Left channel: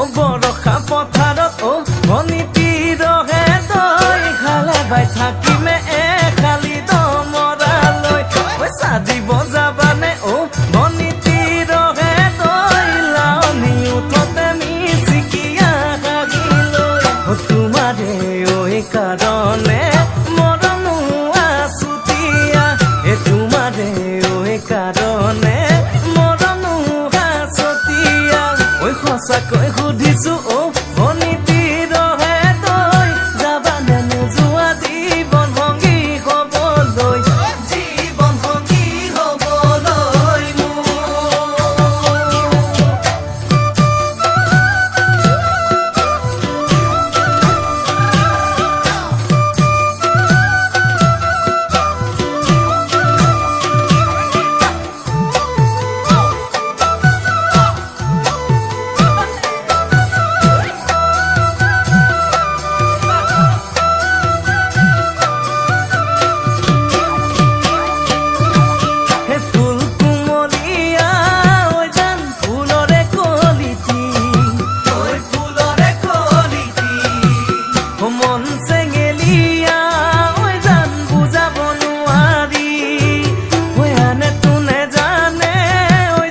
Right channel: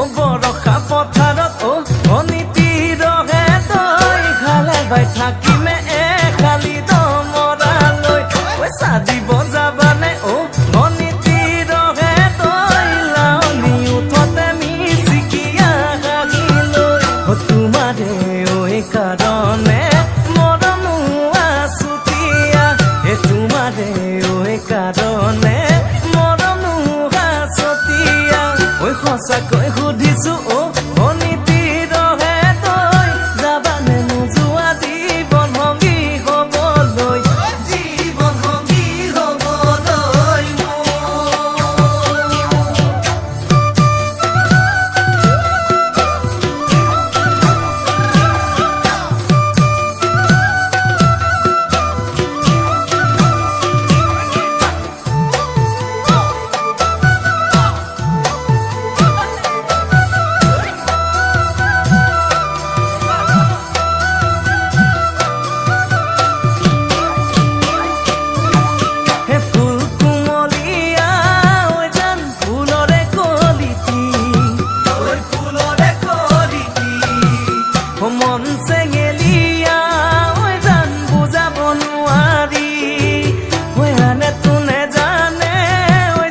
বৰষা পথাৰত অনিতি ৰহে তই খালে বাই থাকিমে খালি দমৰালৈ চাদিব যাবানে অনিতি ৰহে তই লাৱনি উঠতে মিচিকিয়া হাগিলৈ তোমাৰে কাৰণে মৰমো আছুতীয়া তোমাৰে কাৰণে মৰমো আছতীয়া সঁচাকৈ সুধিছো অনিতি ৰহে তই যাবানে নোযোৱা জীৱন সংগী হ'বলৈ জীৱন সংগী হ'বলৈ মন চেঙেলিয়া জান বুজাব নোৱাৰি আনে তোনে জানে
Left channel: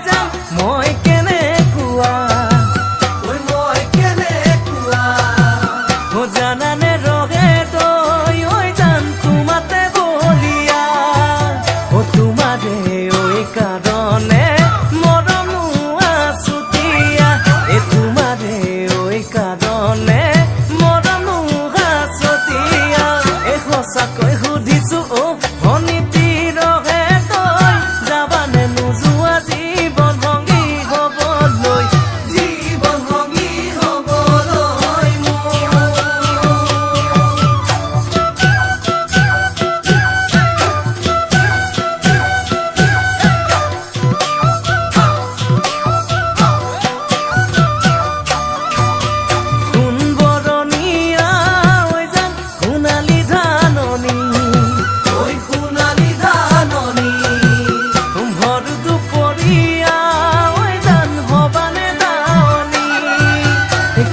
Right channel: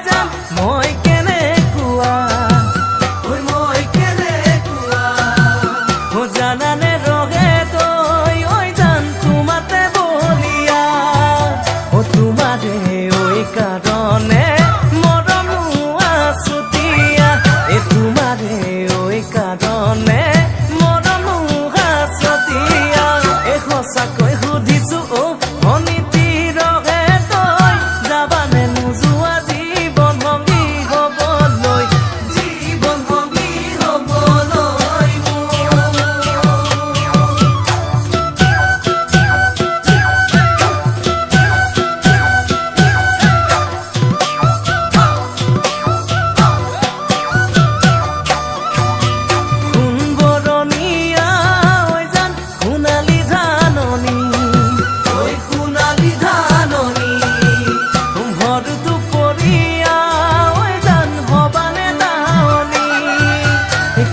জান মই কেনেকুৱা জানানে ৰহে তই জান তোমাতে বলিয়া তোমাৰে কাৰণে মৰমো আছুতীয়া তোমাৰে কাৰণে মৰমো আছতীয়া সঁচাকৈ সুধিছো অনিতি ৰহে তই যাবানে নোযোৱা জীৱন সংগী হ'বলৈ জীৱন সংগী হ'বলৈ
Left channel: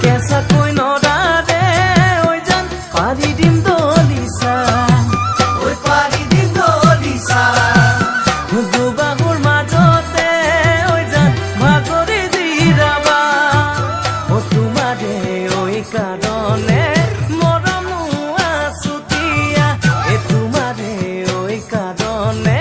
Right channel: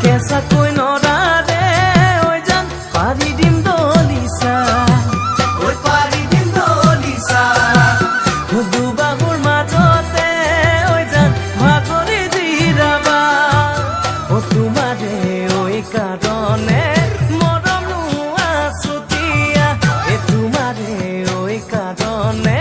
কেঁচাকৈ নৰাৰে জান পাৰি দিম দলিচা দুবাহুৰ মাজতে জান ভাগৰি জিৰাবা তোমাৰে কাৰণে মৰমো আছুতীয়া তোমাৰে কাৰণে